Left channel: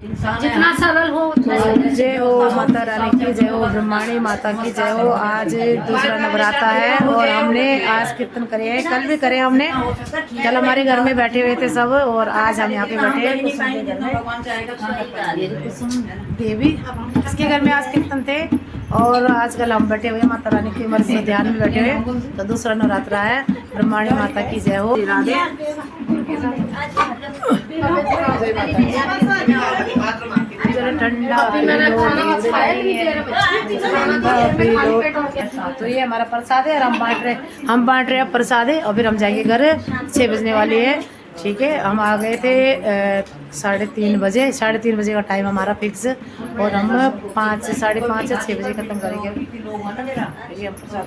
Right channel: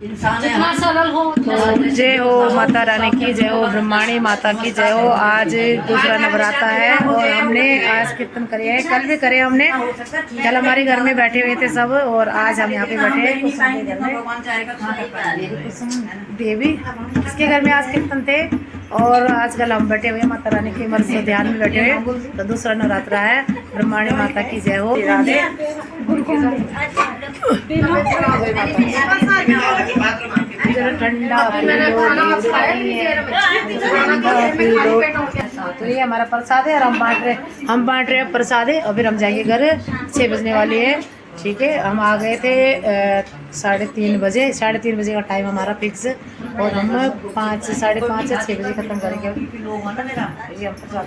जितना सरल हो जय हो माता रानी की जय हो, ब्रह्माणी माता की जय हो। आज दूसरा नवरात्रा है और हमने आज कीर्तन करे है, कल भी करे हमने। कल हमारे घर में बैठे हुए थे सब और आज हम यहाँ पे बैठे हैं कुसुम के घर में। कुसुम देवी इसके घर में आज कीर्तन थे और आजकल हम बैठे हुए माता रानी के मर्जी ध्यान में बैठे हुए। तो दूसरा नवरात्रा है, ब्रह्माणी माता की जय हो। राधे ठंडा पी लो। तो ये हमारा प्रसाद है और हम बांट रहे हैं प्रसाद है और फिर हम जाएंगे घर। 6 बजने वाली है, ठीक है। हम आ गए थे 3:30 बजे। 3:30 बजे का टाइम हमारा फिक्स और हम 5 साढ़े 5 या 6 बजे खत्म करेंगे। ये हम प्रसाद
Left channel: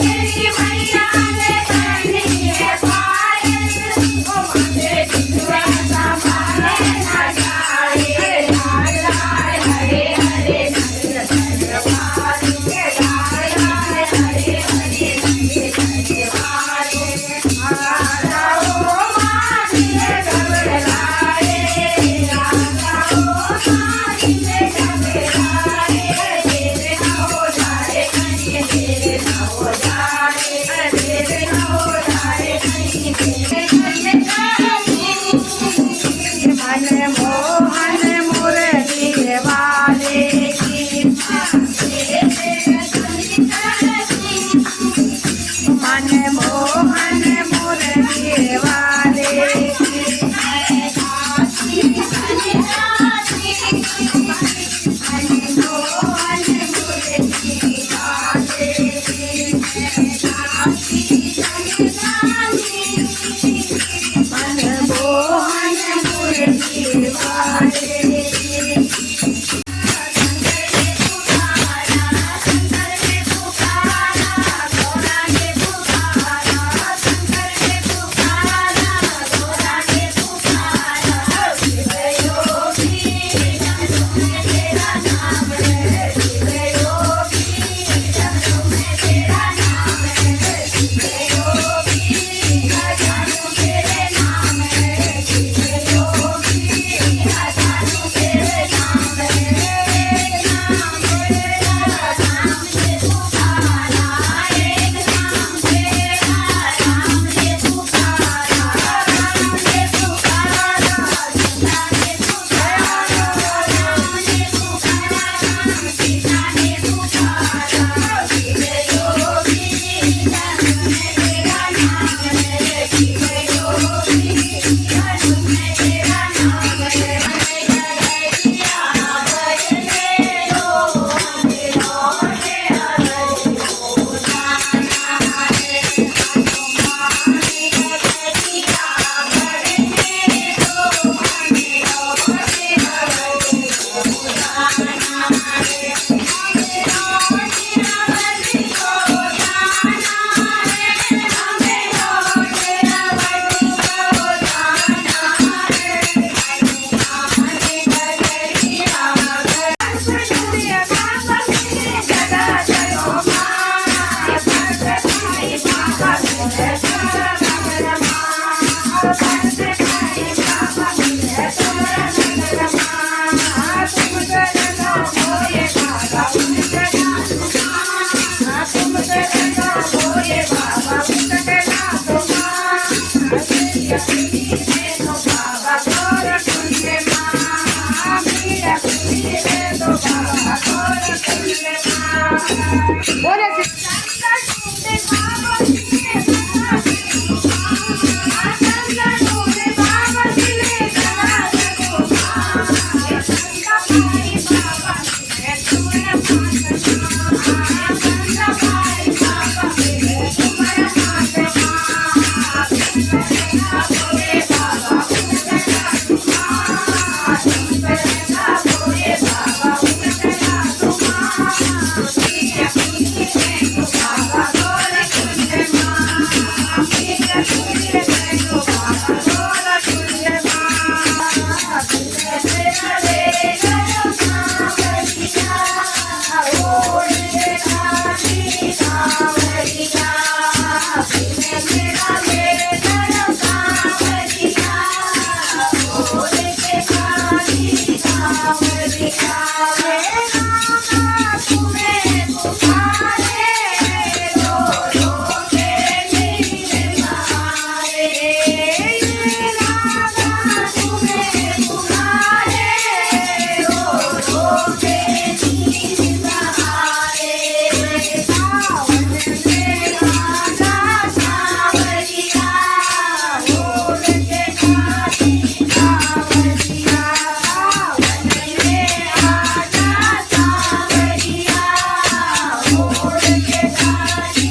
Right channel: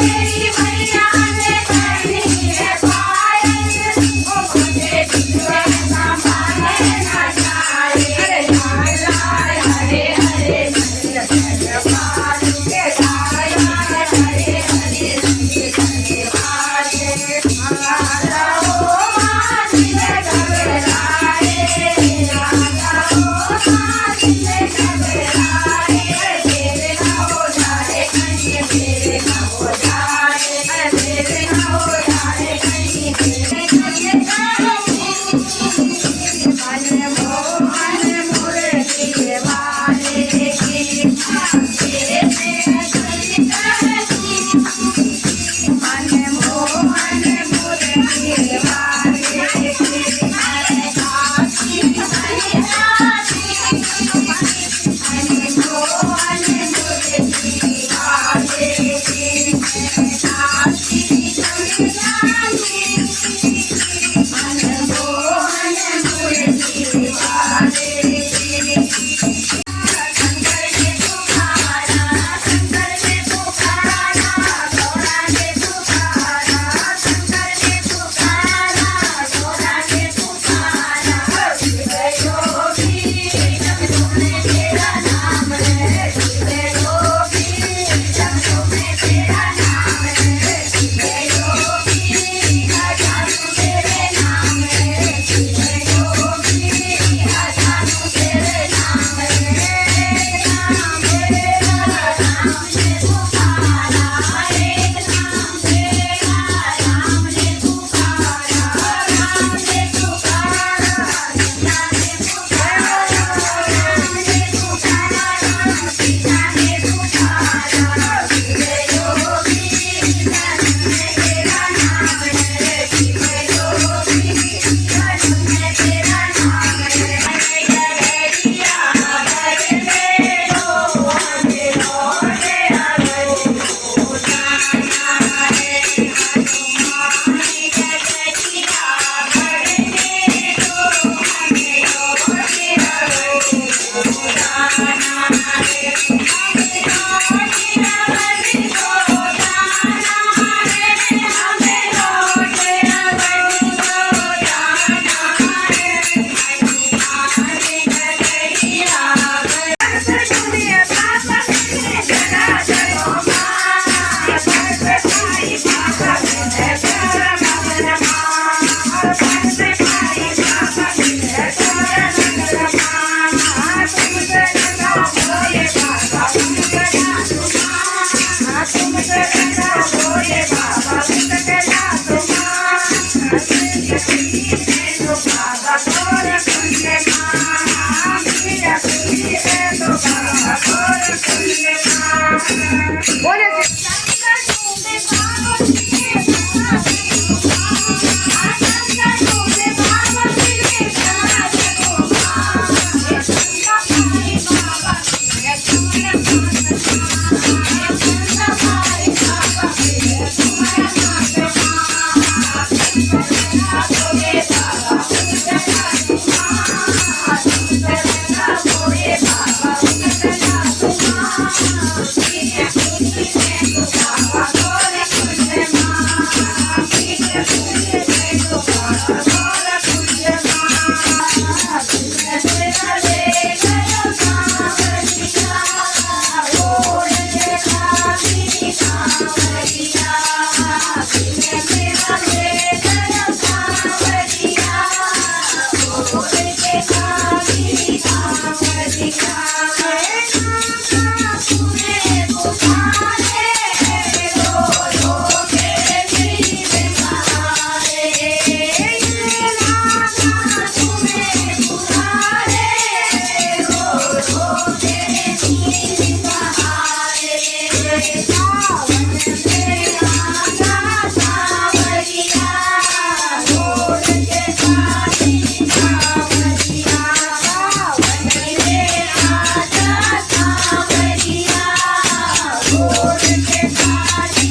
मेरी मैया के सारी